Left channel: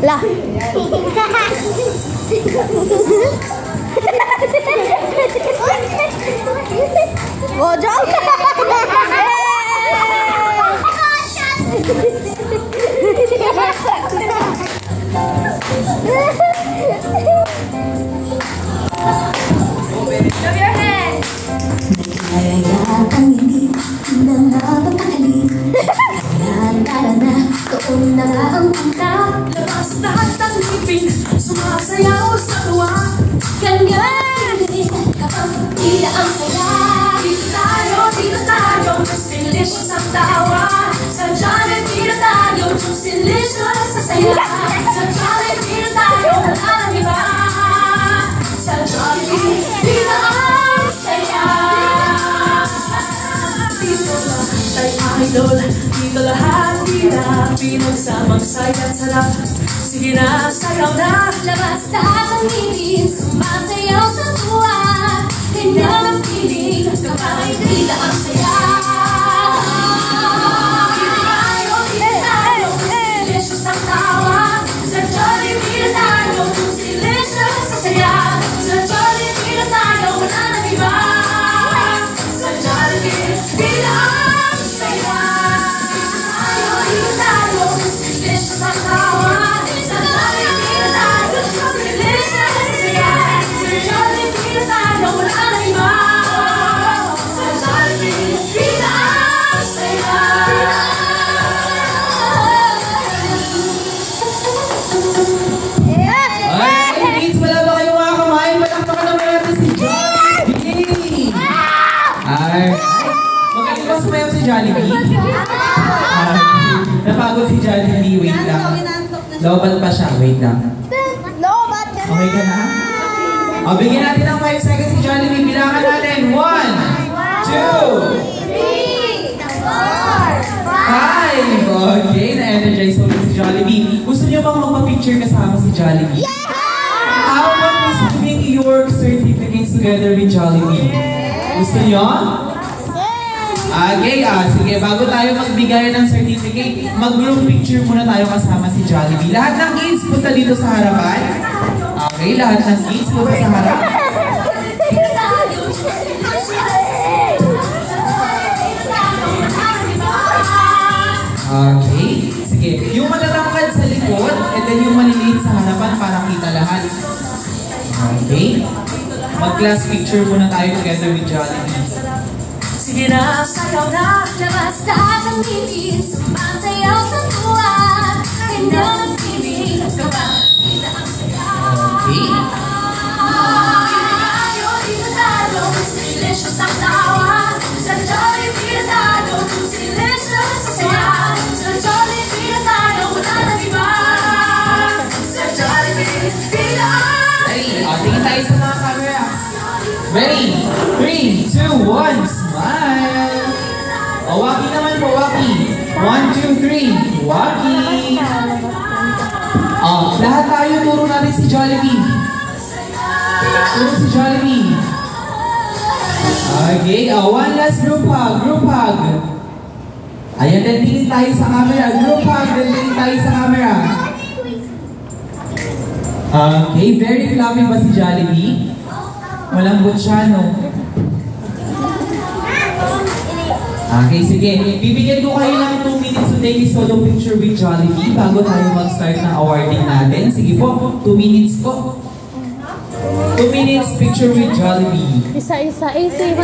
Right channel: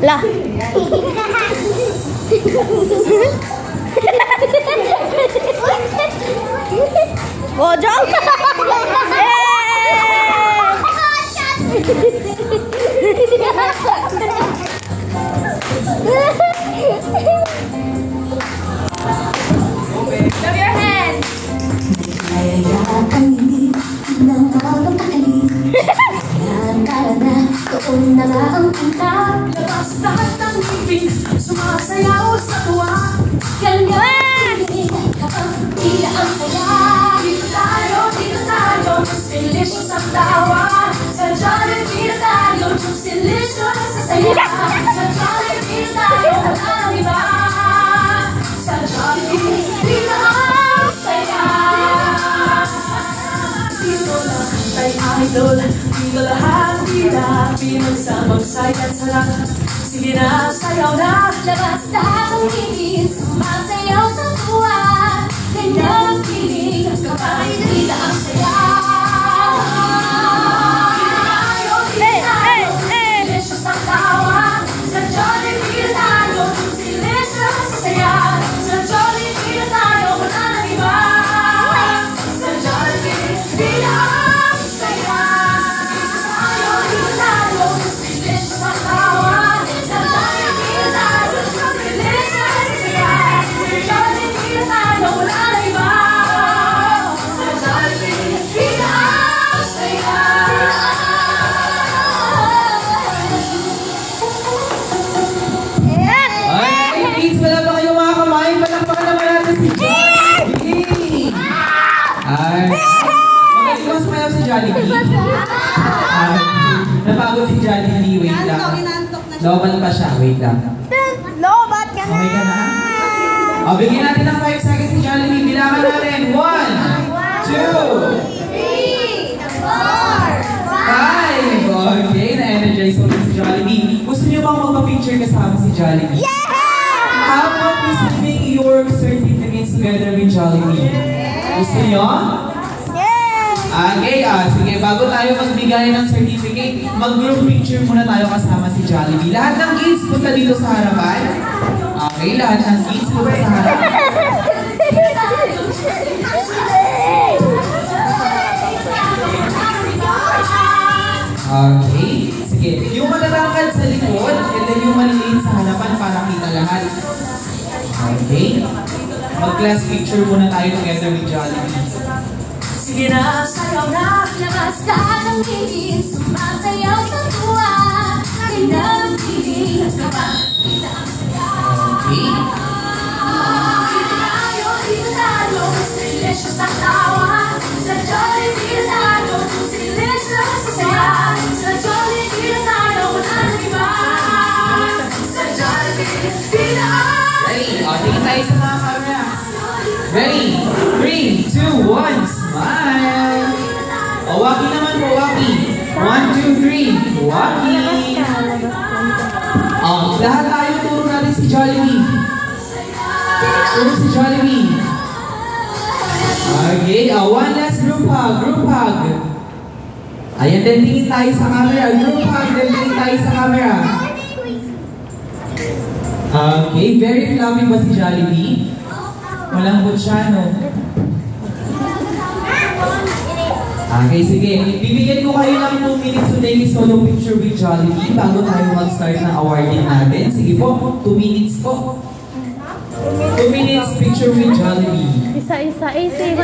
Lah. Bojong. Love your hands. Kayayakang hindi na mapagkakali. Nandara na, doon na nga ang punta. Labas lahat ng ngipin, sumasayaw sa tuwa. Ganyan kapag tila ang saya. Dito tayo, mas delicious ang tawa. Sa Jollibee tayo, just delicious sa saya. Sa Jollibee tayo, wala nang iba. Sa Jollibee, tila ang saya. Dito lahat ay idol, dito lahat tila pinagsamang saya at sarap. Sige na, sayaw na. Labas lahat ang ngipin, sumasayaw sa tuwa. Ganyan ang feeling, kapag tila ang saya. Delicious ang tawa. Sa Jollibee tayo, delicious sa saya. Sa Jollibee tayo, wala nang iba. Sa Jollibee, tila ang saya. Dito tayo, delicious ang tawa. Sa Jollibee tayo, delicious sa saya. Sa Jollibee tayo, wala nang iba. Sa Jollibee, tila ang saya. Kids, wala ba kayong mga kamain? Palakpakan naman natin si Jollibee! Ay, magaling ba sumayaw si Jollibee? Napagod si Jollibee, wait lang. Lobat pa siya, wait lang. Lobat ka na. Okay ka na? O, bigyan natin ng 5 seconds si Jollibee. Bilangan natin. 1, 2, 3, 4, 5. Okay, na-energize ko si Jollibee. Gusto niyo bang magpa-picture kasama si Jollibee? Yeah! How about we submit your certificates together with Jollibee? Gusto niyo? Okay, sige, bago tayo magbigay ng certificate, mag-group picture muna tayo kasama si Jollibee. Lahat ng kids, punta dito sa harapan. Okay, lahat ng kids, punta sa harapan. Okay, sige. Yung malalakad sa likod, and then yung maliliit sa harapan para kita lahat. Okay. Mag-class picture muna tayo together with Jollibee. Sige na, sayaw na. Labas lahat ang ngipin, sumasayaw sa tuwa. Ganyan ang feeling, kapag tila ang saya. Okay. Dito tayo, mas delicious ang tawa. Sa Jollibee tayo, mas delicious sa saya. Sa Jollibee tayo, wala nang iba. Sa Jollibee, tila ang Ready? Tingin tayo sa mga camera. Ready? 3, 2, 1, smile! O, waki naman po, waki. 1, 2, 3, waki! Lahat tayo, turo natin si Jollibee. Turo si Jollibee. Okay, one last group hug, group hug. Ayan, then tingin tayo sa camera. Group hug, then tingin tayo sa camera. Okay, very fluffy ba si Jollibee? Malambot siya, no? Okay, sige. Bibigyan ko kayo ng 2 minutes to take a solo picture with Jollibee bago tayo mag-start ng awarding natin. Sige po, 2 minutes po. 2 minutes picture with Jollibee. Isa-isa. Say,